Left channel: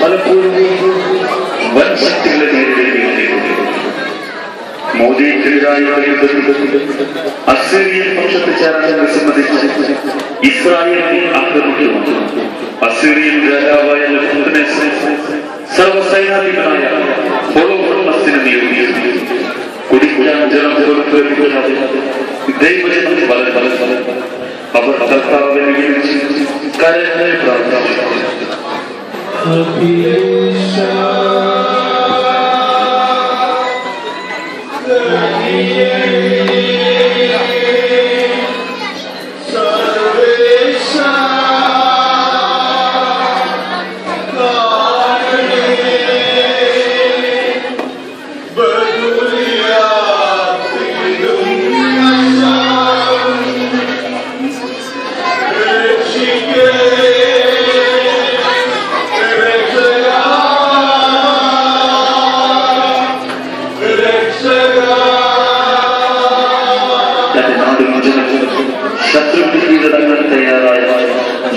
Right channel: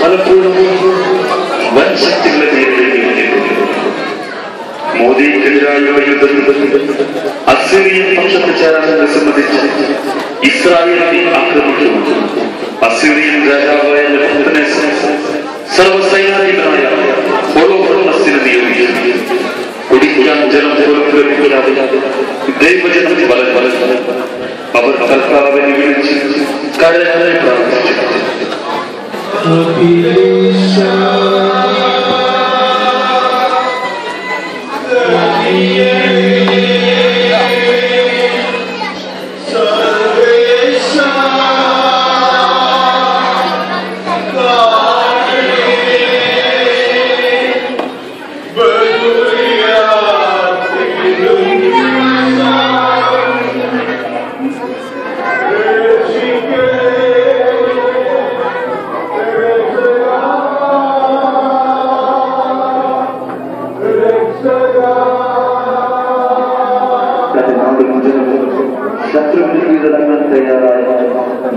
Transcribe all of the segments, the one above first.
പലപ്പോഴും വൻ ശക്തികളെ നേരിടേണ്ടി മോദിക്കെതിരായ അസിറിയൻ പക്ഷത്ത് ചേരാനെ സംബന്ധിച്ച് ഇസ്രായേലിനെ ആക്രമിക്കുന്നു. അസിറിയൻ രാജാവായ സർവസൈനാധിപനായ ഹോളോഫോളസിനെ നിയോഗിച്ചു. കുടിക്കാൻ ജലം പുറപ്പെടുവിക്കാതെ ദൈവജനത്തിന് അവർ കർത്താവിനെ വിളിച്ച് കരങ്ങളെ പ്രാർത്ഥിച്ചു.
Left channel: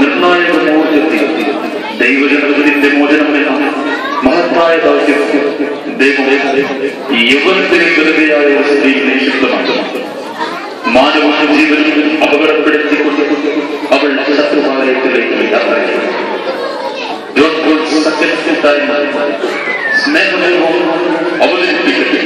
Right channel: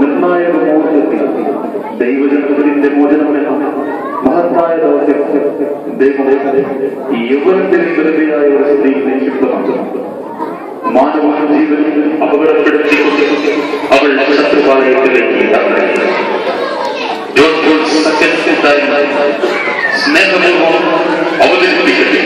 നിർണായക മുഹൂർത്തത്തിൽ ദൈവജനത്തിന്റെ മോചനമെന്ന മഹത്തായ ദൗത്യം ദൈവം യൗവനത്തിന് വെറുതെയായ അവസ്ഥയിൽ നിക്ഷിപ്തമാണ്. മാനവ ജീവൻ അപകടപ്പെടുത്തിക്കൊണ്ട് അവൾ ശത്രുഭാഗത്തിലേക്ക് സ്നേഹപൂർവ്വം അവതരിപ്പിക്കട്ടെ.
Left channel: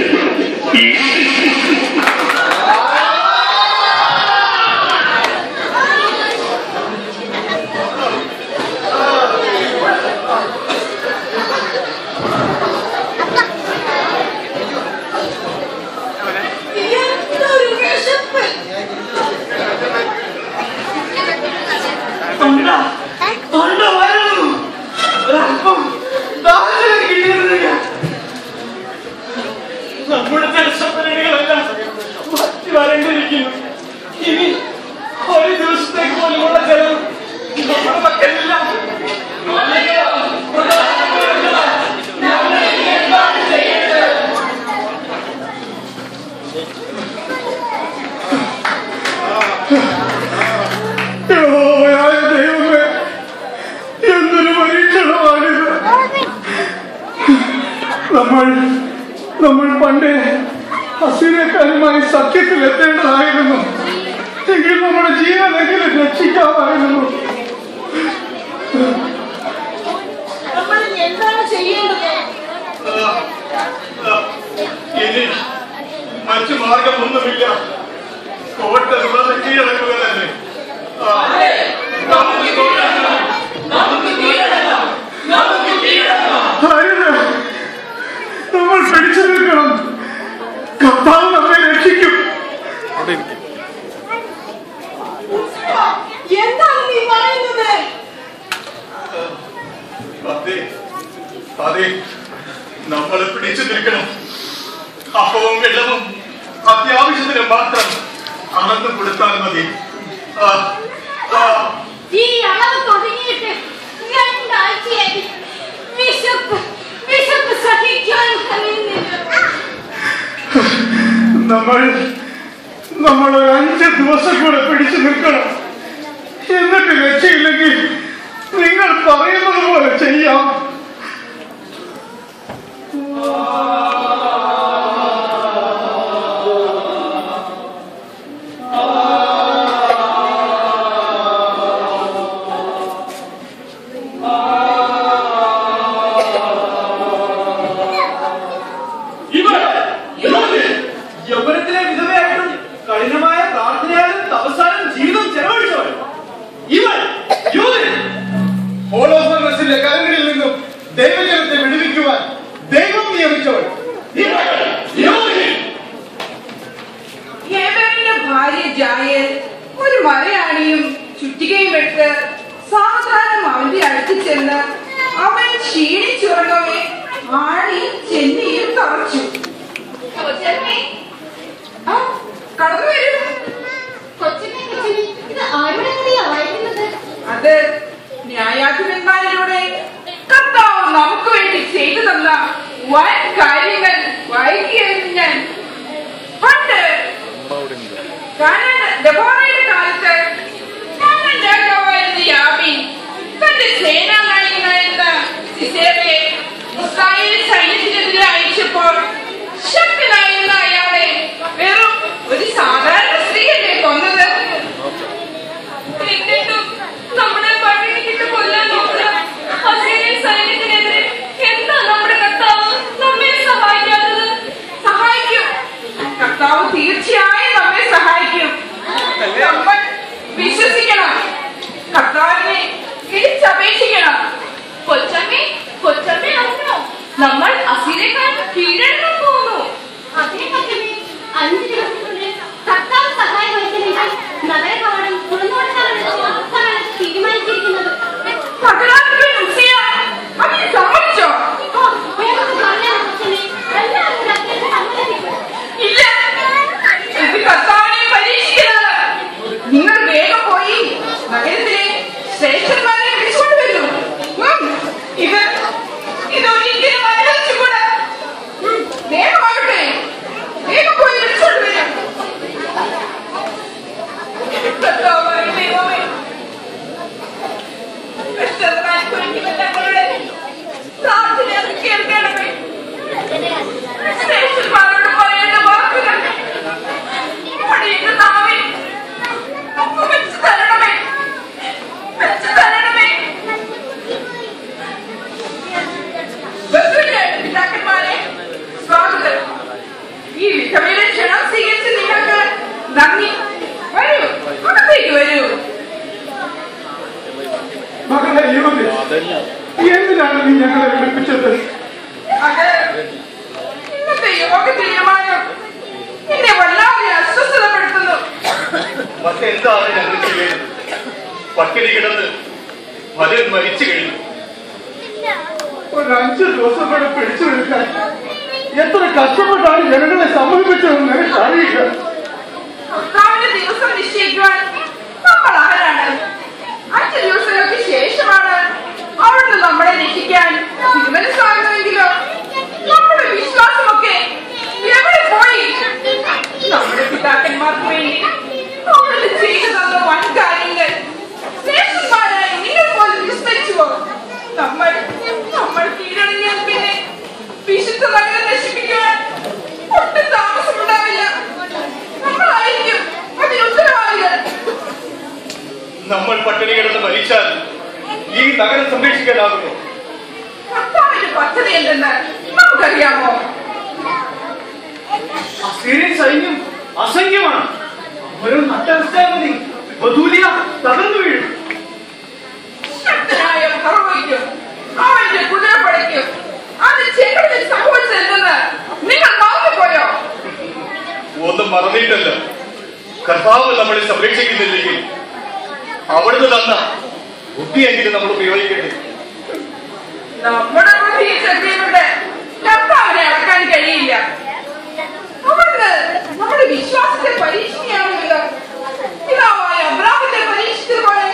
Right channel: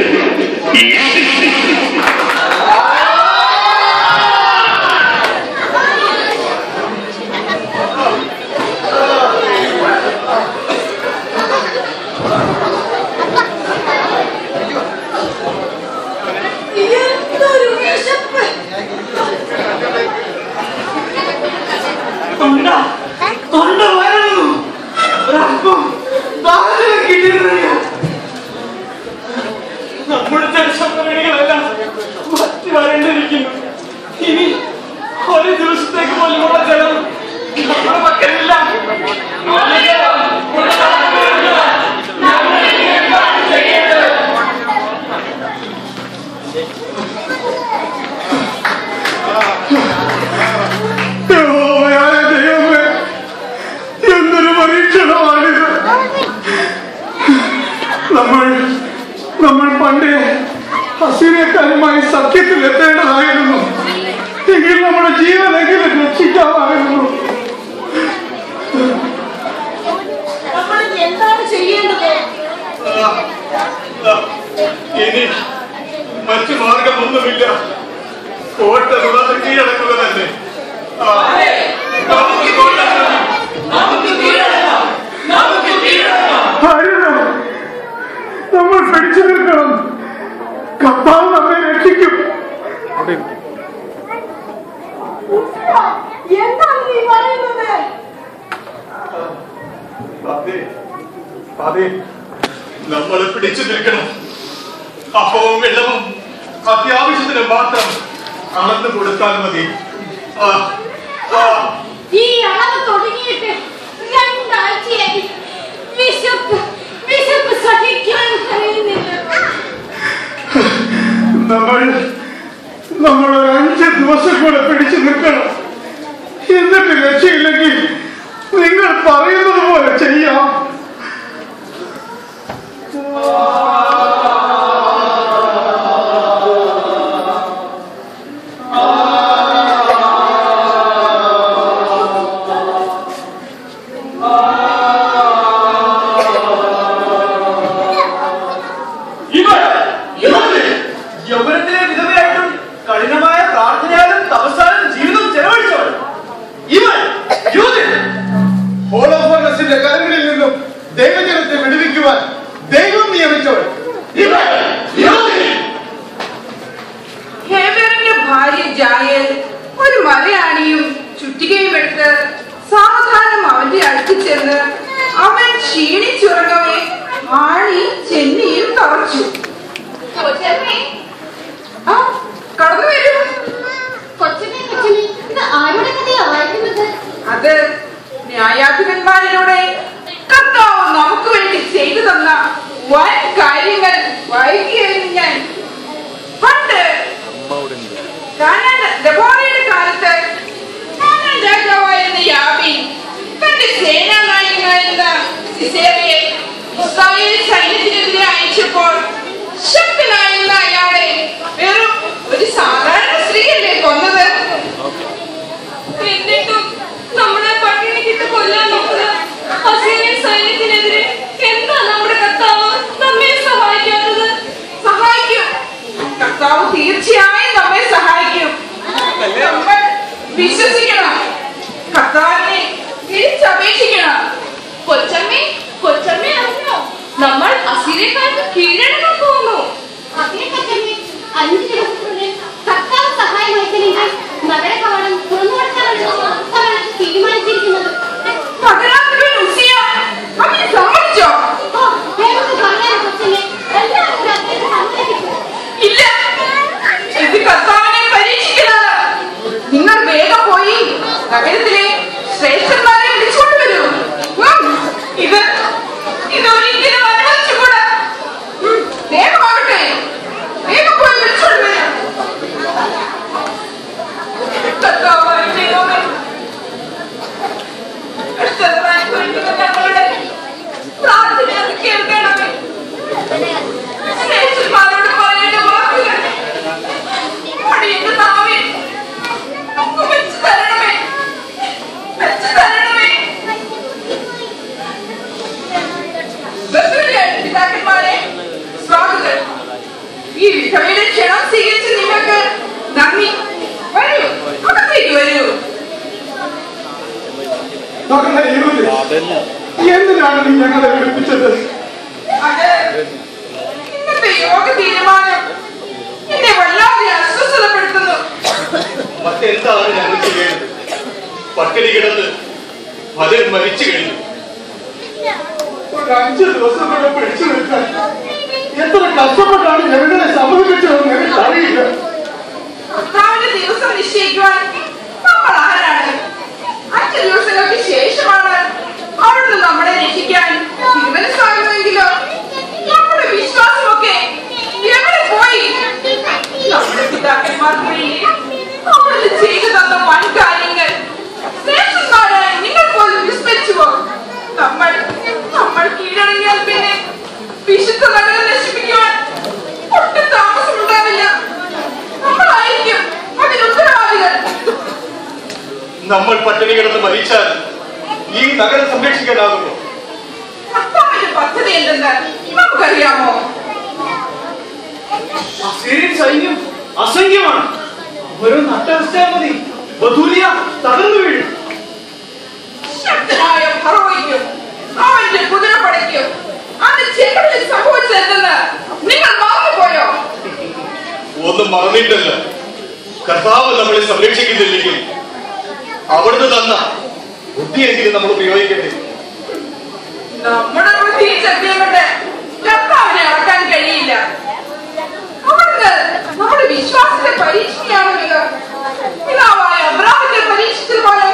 നമ്മുടെ ജലസംഭരണികളെല്ലാം വരേണ്ടിയിരിക്കുന്നു. ഇനി ഒരു ദിവസത്തേക്ക് പോലുമുള്ള ജലം നമ്മുടെ പക്കലില്ല. ദൈവമേ, എന്തൊരു പരീക്ഷണമാണിത്. നമ്മൾ പണ്ട് അസീറിയക്കാരുമായി സഖ്യത്തിൽ എത്തേണ്ടതായിരുന്നു. എങ്കിൽ നമ്മുടെ ജീവനെങ്കിലും രക്ഷിക്കാമായിരുന്നു. എന്താണ് ചെയ്യേണ്ടത്? ഇനി മറ്റു മാർഗമൊന്നുമില്ല. കോട്ട കീഴടക്കുക തന്നെ. നമ്മൾ പിടിച്ചു നിൽക്കണം. കർത്താവ് നമ്മെ രക്ഷിക്കും. എന്താണ് നീ പറയുന്നത്? അതെ, നമ്മൾ പിടിച്ചു നിൽക്കണം. അപ്പവും വെള്ളവും അത്യാവശ്യത്തിന് മാത്രം അളന്നു കൊടുത്താൽ മതി. ഈ അളവ് തുടങ്ങിയിട്ട് 2 ആഴ്ചയായി. വിശപ്പ് സഹിക്കാൻ കഴിയുന്നില്ല. നമ്മൾ 5 ദിവസം കൂടെ പിടിച്ചു നിൽക്കണം. എന്നിട്ട് രക്ഷയില്ലെങ്കിൽ നിങ്ങൾ പറയുന്നത് പോലെ ചെയ്യാം. യൗവനത്തിലെ വിധവയായിട്ടും കഠിനമായ പ്രാർത്ഥനയാലും തപസ്സാലും ജീവിതം ചെലവഴിച്ചവൾ ഇവൻ ഹോളോഫർണസിന്റെ കരങ്ങളിൽ നിന്നും ദൈവജനത്തെ വിടുവിക്കുവാൻ ദൈവം നിയമിച്ചവൾ ഹേബറിന്റെ ഭാര്യ ജായേൽ ഒരു മലയാണിയും ചുറ്റികയും എടുത്ത് സാവധാനം അവന്റെ അടുത്ത് ചെന്ന് അവൻ ക്ഷീണിച്ചുറങ്ങവേ ആണി ചെന്നിയിൽ തറച്ചു. കടന്നു വരൂ. അത് ന്യായാധിപന്മാരിലൂടെ കർത്താവ് നമുക്ക് വേണ്ടി ചെയ്തു തന്ന വൻ കാര്യങ്ങൾ വായിക്കുകയായിരുന്നു ഞാൻ. പണ്ട് ദെബോറയുടെ കാലത്ത് രാജാവായിരുന്ന യാബീൻ തന്റെ സേനാനായകൻ സിസേറിയെ ഇസ്രായേൽ സൈന്യത്തിനെതിരെ അയച്ചപ്പോൾ ശക്തനായിരുന്ന അയാളെ വെറും ഒരു സാധാരണ സ്ത്രീയല്ലേ കൊന്നത്? എന്നിട്ടും നമ്മളെ പട്ടിണി കിട്ട് കൊല്ലാൻ നോക്കുന്ന അസീറിയൻ സൈന്യത്തിനെതിരെ എന്താ നമ്മുടെ കർത്താവ് നമ്മെ സഹായിക്കാത്തത്? സഹായിക്കും, കർത്താവ് തീർച്ചയായും നമ്മെ സഹായിക്കും. നമ്മൾ വിശ്വസിക്കണം, കർത്താവിനെ തിരിച്ചപേക്ഷിക്കണം. കൊച്ചമ്മേ അറിഞ്ഞോ, നമ്മൾ അസീറിയക്കാർക്ക് കീഴടങ്ങാൻ പോകുന്നു. അതേ കൊച്ചമ്മേ, 5 ദിവസത്തിനുള്ളിൽ കർത്താവ് സഹായമായില്ലെങ്കിൽ നഗര കവാടം തുറന്നുകൊടുക്കാനുള്ള തീരുമാനിച്ചിരിക്കുന്നത്. സമ്മതിച്ചോ? ഇല്ല, ഇത് കർത്താവിനെ പരീക്ഷിക്കുന്നത്. നിങ്ങൾ വേഗം പോയി നഗരത്തിലെ ശ്രേഷ്ഠന്മാരെ വിളിച്ചുകൊണ്ടുവരൂ. ഇതൊരിക്കലും അനുവദിച്ചുകൂടാ. വേഗമാകട്ടെ, വേഗം പോയി വിളിച്ചുകൊണ്ടുവരാം. കർത്താവായ ദൈവമേ, കഷ്ടതമനുഭവിക്കുന്ന ഞങ്ങളുടെ പ്രാർത്ഥന അത് കേൾക്കണമേ. ശ്രേഷ്ഠന്മാരോട് പറയേണ്ട വാക്കുകൾ അടിയുടെ നാവിൽ വെച്ചു തരണമേ, വെച്ചു തരണമേ. പിതാക്കന്മാരെ, സ്വാഗതം. ഈ വിധവയുടെ ക്ഷണം സ്വീകരിച്ച് നിങ്ങൾക്ക് നന്ദി. വരൂ, അകത്തേക്ക് വരൂ. എന്തിനാണ് നീ ഞങ്ങളെ വിളിപ്പിച്ചത്? അത് ഇന്നത്തെ യോഗ തീരുമാനം എന്നെ വല്ലാതെ അസ്വസ്ഥതപ്പെടുത്തുന്നു. മറ്റെന്താണ് ഞങ്ങൾ ചെയ്യേണ്ടത്? പട്ടിണി കിടന്ന് പലരും മരിച്ചു കഴിഞ്ഞു. ഒരു 5 ദിവസം കൂടെ പിടിച്ചു നിൽക്കാൻ എത്ര കഷ്ടപ്പെട്ടാണ് ഞങ്ങളെ സമൂഹിച്ചതെന്ന് എനിക്ക് അറിയില്ല. കർത്താവിന്റെ ദിവസം നിശ്ചയിക്കുവാൻ നമ്മൾ ആരാണ്? 5 ദിവസങ്ങൾക്ക് ശേഷമാണ് അവിടുന്ന് നമ്മളെ രക്ഷിക്കാൻ തീരുമാനിക്കാമെങ്കിലോ? നമ്മുടെ വിശ്വാസമൊക്കെ എവിടെ പോയി? നമ്മുടെ പിതാക്കന്മാർക്ക് വേണ്ടി അവിടുന്ന് ചെയ്തു തന്ന വൻ കാര്യങ്ങൾ ശ്രേഷ്ഠന്മാരായി നിങ്ങൾ പോലും വിസ്മരിച്ചുവോ? നമ്മൾ കീഴടങ്ങിയാൽ പിന്നെ വിശുദ്ധ നഗരം നശിപ്പിക്കുവാൻ ഒട്ടും താമസമുണ്ടാവില്ല. നമ്മളായിരിക്കും അതിന് ഉത്തരവാദികൾ. നമ്മൾ പട്ടിണി കിടന്ന് മരിച്ചാൽ ഈ നഗരം സംരക്ഷിക്കാനാകുമോ? കർത്താവിന്റെ പദ്ധതി എന്തെന്ന് നമുക്കറിയാമോ? അസീറിയൻ സൈന്യം അസംഖ്യമാണ്. ഒരു നട്ടവസ്ഥയാൽ മതി ബഥൂലിയ തകർന്നു വീഴും. ശക്തനായ ഫറവോയ്ക്കും അവന്റെ കുതിരപ്പടയ്ക്കും അത് ചെങ്കടലിൽ സംഭവിച്ചതെന്ന് നിങ്ങൾ മറന്നുപോയോ? ഒന്നും മറന്നിട്ടല്ല. കർത്താവ് നമ്മളെ സംരക്ഷിക്കുന്നില്ലെങ്കിൽ അവിടുന്ന് തന്ന ബുദ്ധിയെങ്കിലും നമ്മൾ ഉപയോഗിക്കട്ടെ. നമ്മുടെ ബുദ്ധി ശക്തിയുടെ കർത്താവിനെ അടക്കാൻ കഴിയില്ല. അവിടുന്ന് നമ്മുടെ വിശ്വാസത്തെ പരീക്ഷിക്കുകയാണെങ്കിലോ പിതാവായ അബ്രാഹത്തെ പരീക്ഷിച്ചതുപോലെ.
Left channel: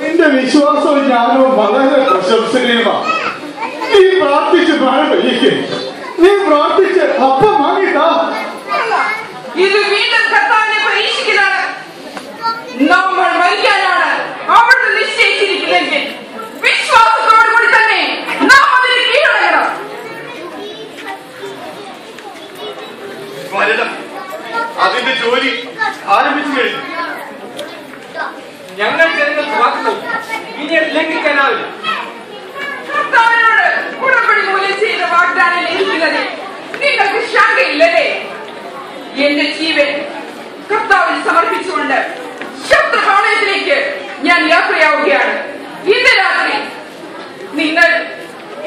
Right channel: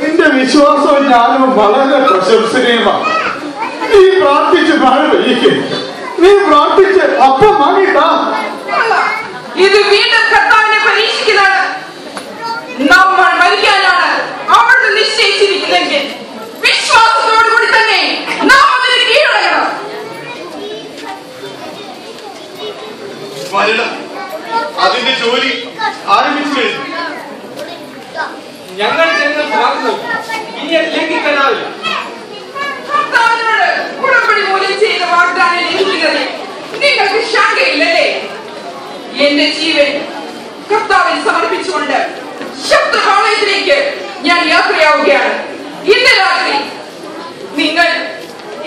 നിന്റെ വിശ്വാസവും ജ്ഞാനവും വളരെ പ്രശംസനീയമാണ്. നീ പ്രാർത്ഥിച്ച് മഴ പെയ്യിക്കും. നീ പ്രാർത്ഥിച്ച് അപ്പം വാങ്ങിട്ടാ. ഇത് വീണ്ടും കർത്താവിനെ പരീക്ഷിക്കുന്നതാണ്. നമ്മൾ മരിക്കാനാണ് അവിടുന്ന് നിശ്ചയിച്ചിരിക്കുന്നെങ്കിൽ വിശ്വാസത്തോടുകൂടി തന്നെ നാം അതിന് കീഴടങ്ങണം. മരണം അതിന്റെ ജോലി ആരംഭിച്ചു കഴിഞ്ഞു. ഞങ്ങൾ ജനങ്ങൾക്ക് വാക്ക് നൽകി, ഇനി അത് ലംഘിക്കാനാവില്ല. കർത്താവിനോട് ഉടമ്പടി മൂലം ചെയ്ത വാഗ്ദാനം ലംഘിക്കുന്നത് നിങ്ങൾക്ക് ശങ്കയില്ലല്ലേ? എന്റെ ജീവൻ കർത്താവിൽ സമർപ്പിച്ചുകൊണ്ട് ശബ്ദപാളയത്തിലേക്ക് ഞാൻ യാത്രയാവുകയാണ്. ഇന്ന് രാത്രി നിങ്ങൾ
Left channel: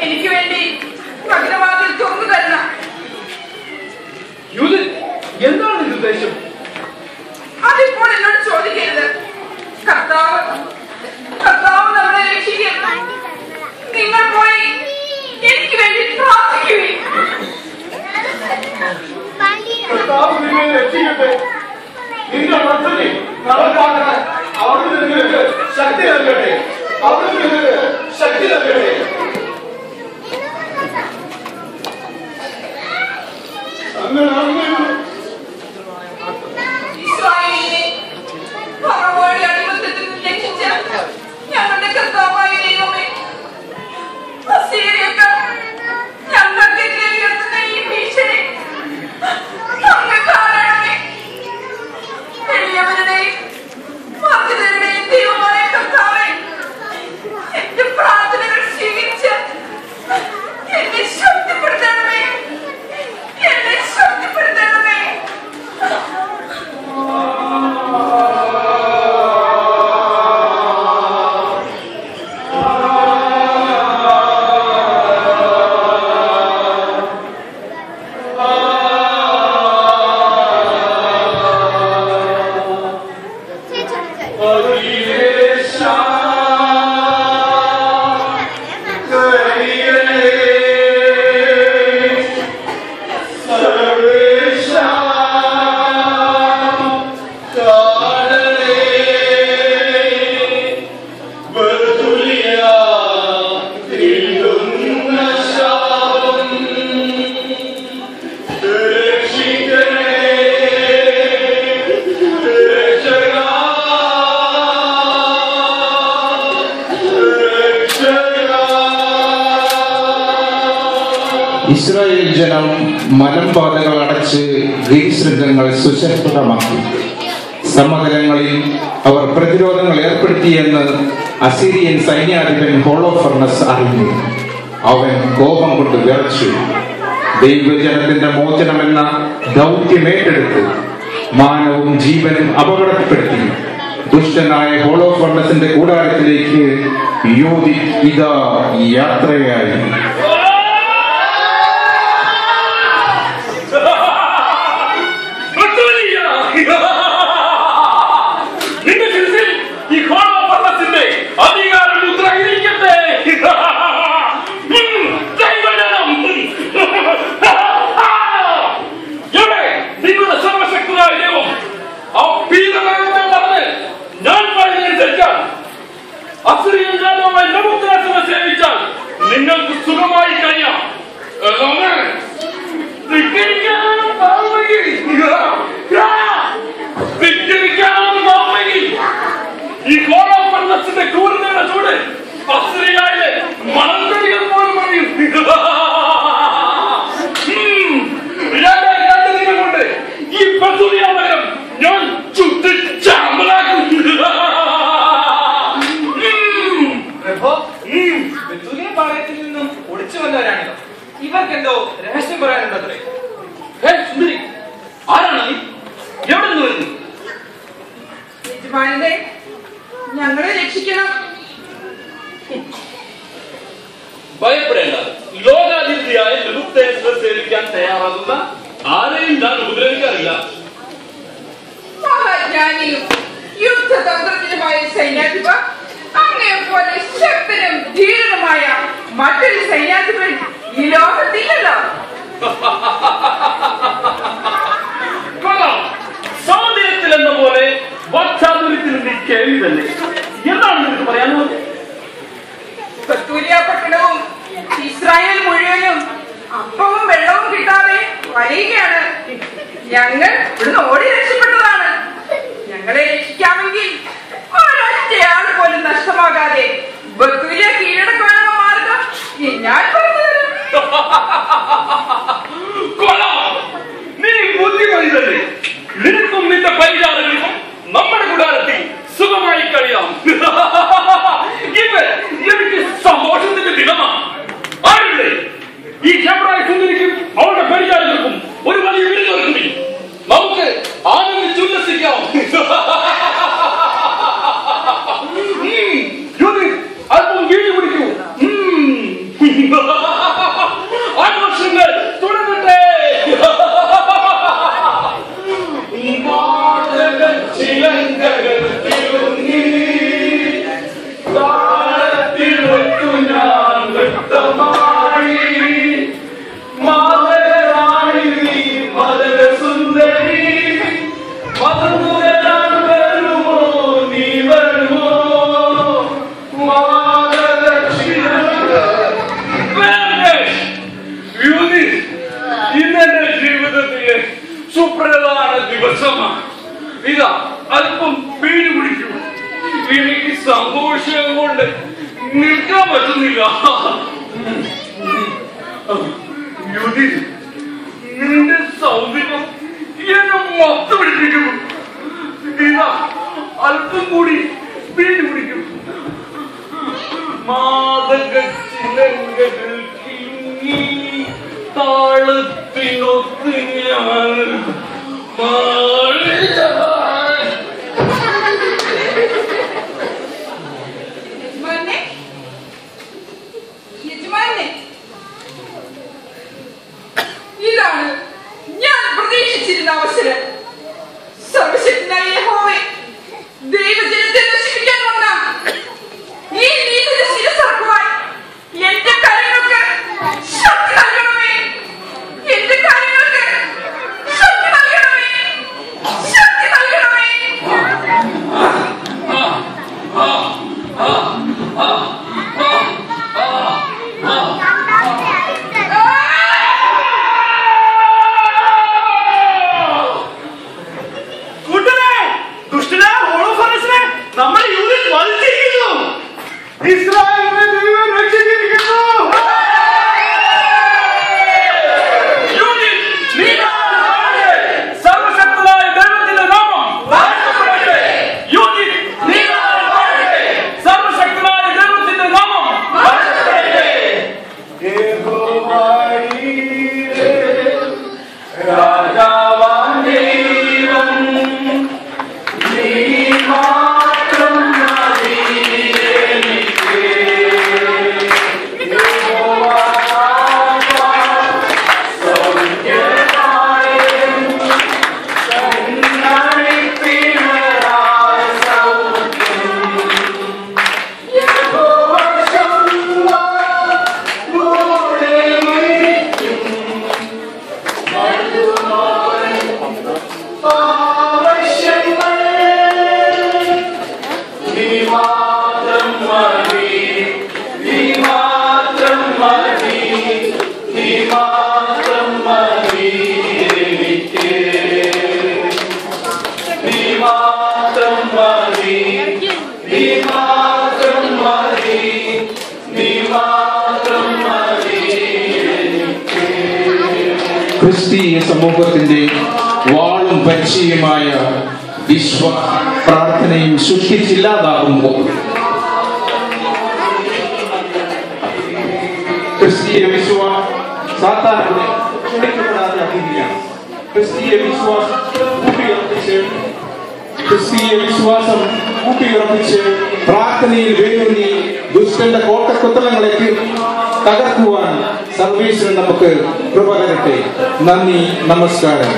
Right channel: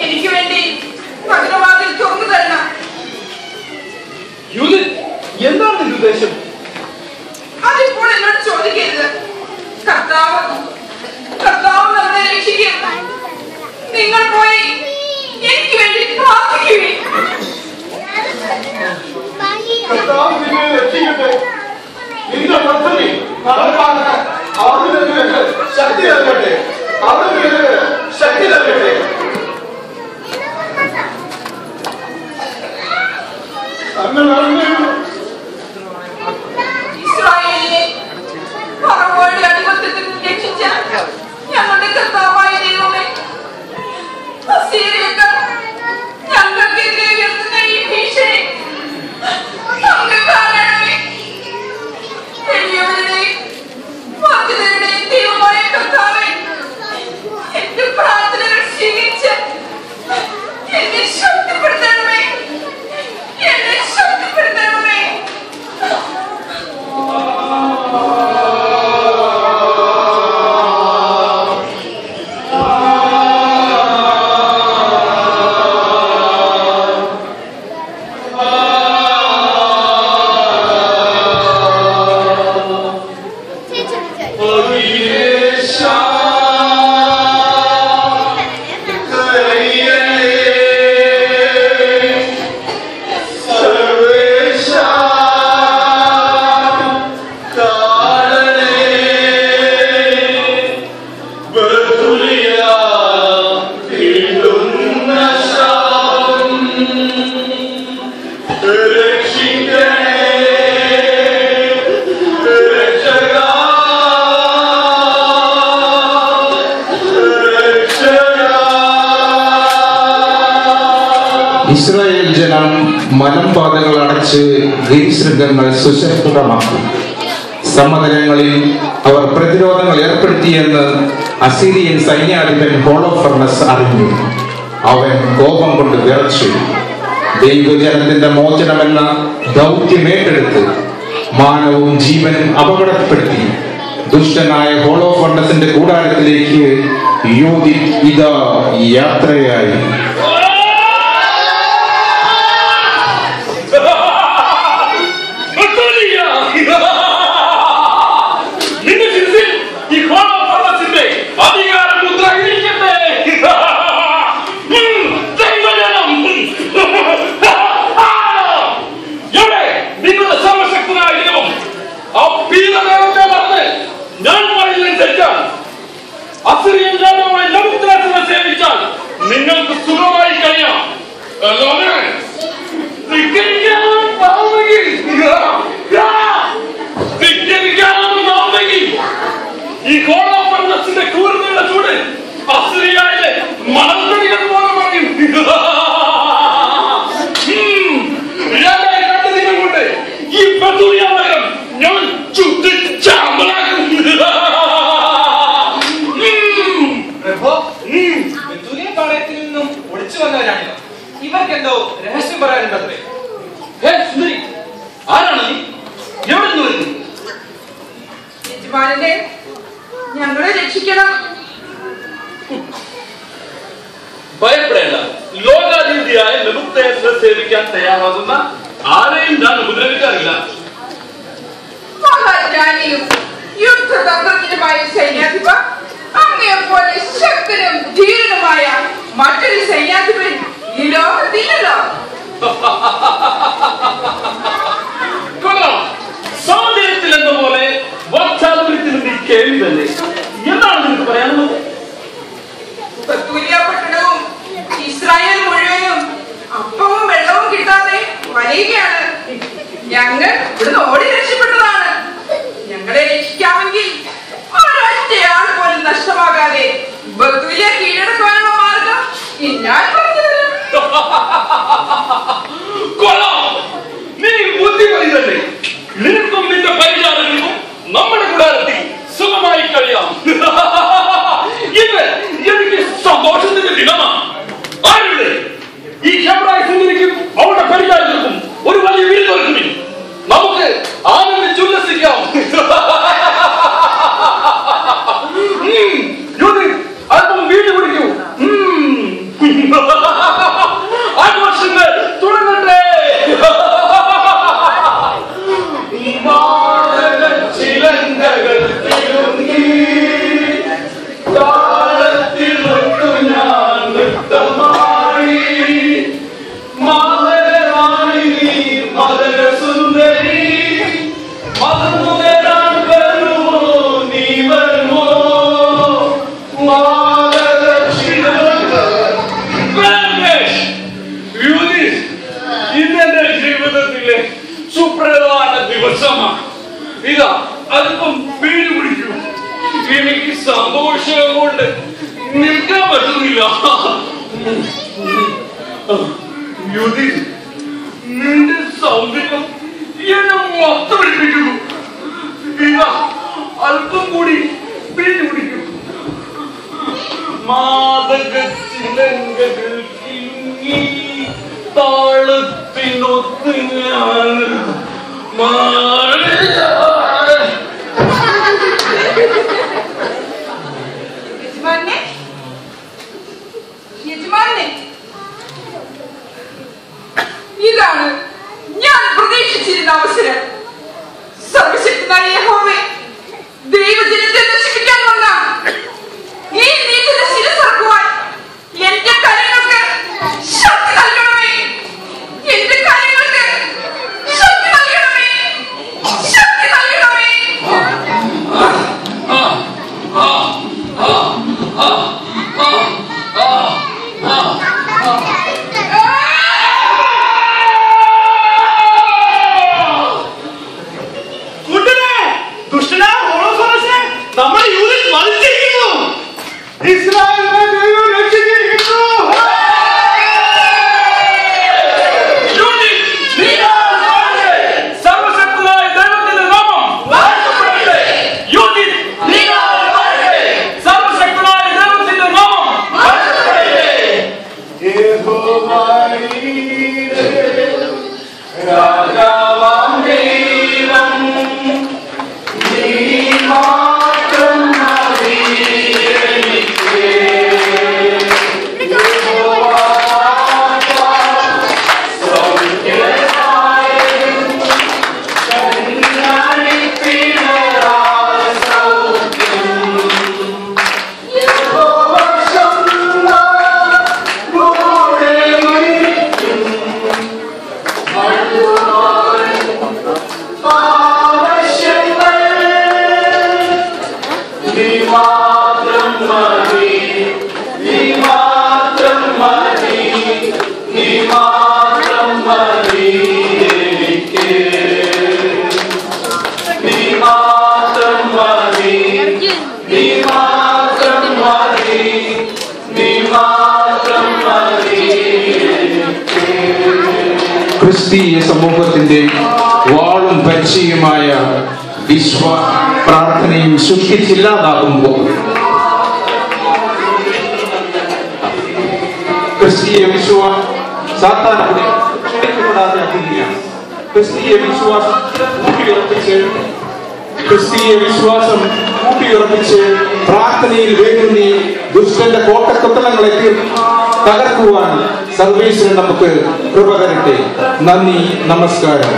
എനിക്ക് വേണ്ടി നഗരവാതിൽ തുറന്നു തരണം. യൂദൻ, എന്താണ് നിന്റെ ഉദ്ദേശം? അതിപ്പോൾ എന്നോട് ചോദിക്കരുത്. കർത്താവ് നമ്മളെ രക്ഷിക്കും. നിങ്ങൾ പോയി എനിക്ക് വേണ്ടി പ്രാർത്ഥിക്കുകയും കർത്താവ് നിന്നെ രക്ഷിക്കട്ടെ. നിന്റെ പദ്ധതി നടപ്പാക്കാൻ അവിടുന്ന് നിനക്ക് ശക്തി നൽകട്ടെ. അവിടുന്ന് നിനക്ക് ശക്തി നൽകട്ടെ. അങ്ങനെ ഇസ്രായേലിനെ ഫറവോയുടെ അടിമത്തത്തിൽ ഇസ്രായേൽ ജനം മലമ്പാതകൾ അടച്ച് ഗിരിശൃംഗങ്ങൾ സുശക്തമാക്കി. സമതലങ്ങളിൽ അവർ പ്രതിരോധങ്ങൾ ഏർപ്പെടുത്തിയെന്ന് അസീരിയൻ സൈന്യാധിപൻ ഹോളോഫർണസ് അറിഞ്ഞു. അവൻ കോപം കൊണ്ട് വിറച്ചു. ദൈവജനത്തിന്റെ മോചനമെന്ന ദൗത്യമേറ്റെടുത്ത് മാനവും ജീവനും അപകടപ്പെടുത്തി ദുഷ്ടനായ ഹോളോഫർണസിന്റെ കൂടാരത്തിലേക്ക് യോദിത് ഇതാ യാത്രയായി. നിങ്ങൾക്ക് സുഖമായി കഴിയാം. ഈ ഹോളോഫർണസിന്റെ ക്രൂരതയുടെ ചൂട് അസിറിയയിലെ മണൽത്തടികൾ പോലും പറയും. 2 ദിനം കൊണ്ട് ഈ ബെഥൂലിയ നഗരം ഞാൻ ചുട്ടിച്ചാമ്പലാക്കും. പാളയത്തിൽ നിന്നും ഒളിച്ചു വന്നവരാണിത്. ഇവർക്കെന്തോ രഹസ്യം പറയാനുണ്ടത്രേ. ആരാണ് നീ? എവിടെ നിന്ന് വരുന്നു? യജമാനനെ, ഞങ്ങളെ രക്ഷിക്കണം. ഭയപ്പെടേണ്ട. ലോകാധിപതിയായ നെബൂഖദ്നേസറിനെ സേവിക്കാൻ തയ്യാറാകുന്ന ആരെയും ഞാൻ ഉപദ്രവിക്കാറില്ല. മഹാജ്ഞാനിയും യുദ്ധതന്ത്രജ്ഞനുമായ സൈന്യാധിപ, അങ്ങയെപ്പോലെ ശക്തനും ധീരനുമായ മറ്റൊരു സൈന്യാധിപൻ ഈ ലോകത്തില്ലല്ലോ. കൊള്ളാം. സൗന്ദര്യത്തിൽ എന്ന പോലെ വാക്ചാതുര്യത്തിൽ നീ കേൾവി തന്നെ. എന്താണ് നിനക്ക് പറയാനുള്ളത്? ബെഥൂലിയ പട്ടണവും ഇസ്രായേൽ മുഴുവനും അപ്പവും വെള്ളവും കിട്ടാതെ വലയുകയാണ്. ഞങ്ങൾ ഇവിടുന്ന് ഓടി രക്ഷപ്പെട്ടതാണ്. ഞങ്ങളെ രക്ഷിക്കാമെങ്കിൽ ഒരൊറ്റയാൾ പോലും നഷ്ടമാകാതെ ബെഥൂലിയ കീഴടക്കാനുള്ള മാർഗം ഞാൻ പറഞ്ഞു തരാം. നീ ബുദ്ധിമതി തന്നെ. നിനക്കും നിന്റെ പരിചാരകർക്കും നമ്മുടെ കൂടാരത്തിൽ സുഖമായി കഴിയാം. ഇത് എനിക്ക് സന്തോഷത്തിന്റെ ദിനമാണ്. ആരുടെ ഈ ഹെബ്രായ സുന്ദരിക്കും അവരുടെ പരിചാരകർക്കും ഒരു വലിയ വിരുന്ന് ഒരുക്കുമില്ല. നമുക്ക് ആനന്ദിച്ച് ഉല്ലസിക്കാം. അല്പം വീട് കുടിക്കൂ. ആഘോഷങ്ങൾ തുടങ്ങട്ടെ. ചിലങ്കകൾ തിരുങ്ങി താളത്തിലൊട്ടു ഞാൻ നൃത്തമായി. മാതരാണി നീ മദന സുന്ദരി, മതമുതരാൻ വരുമോ നീ വരുമോ? ഇന്നെന്റെ ജീവിതത്തിലെ സുപ്രധാന ദിവസമാണ്. ഇതാ അല്പം വീട് പിടിക്കൂ. എനിക്ക് സന്തോഷം കൊണ്ട് നിൽക്കാൻ പറ്റുന്നില്ല. നിന്റെ സൗന്ദര്യം എന്നെ മൊത്തം പിടിപ്പിക്കുന്നു. ഇതാ അല്പം കൂടി വീട് പിടിക്കൂ. മാതക ചിലങ്കകൾ കിലുങ്ങി താളത്തിനൊത്ത് ഞാൻ ഇതാണ് ഞാൻ പ്രതീക്ഷിച്ചിരുന്ന അവസരം. സർവശക്തനായ യഹോവേ, ദൈവജനത്തെ ഇസ്രായേലിനെ ദൈവം രക്ഷിച്ചിരിക്കുന്നു. സർവശക്തനായ ദൈവത്തിന്റെ നാമം വാഴ്ത്തപ്പെടട്ടെ. സർവശക്തനായ ദൈവത്തിന്റെ നാമം വാഴ്ത്തപ്പെടട്ടെ. രാജാവാം ദൈവം നീ മാത്രം മതി എനിക്ക്. ക്രിസ്തീയ സമൂഹത്തിന്റെ വാളും പരിചയമായ വിശ്വാസ പ്രാർത്ഥനയും സൃഷ്ടിച്ചില്ലാതാകുമ്പോൾ ക്രിസ്തീയ വിശ്വാസം ഊട്ടിയുറപ്പിച്ച് പ്രാർത്ഥനയിൽ വേണ്ടി ദുഷ്ടന്റെ കോട്ടക്കൊത്തലങ്ങളെ തകർക്കുവാൻ സർവീസിന് നമുക്ക് കൃപ തരട്ടെ. നന്ദി, നമസ്കാരം.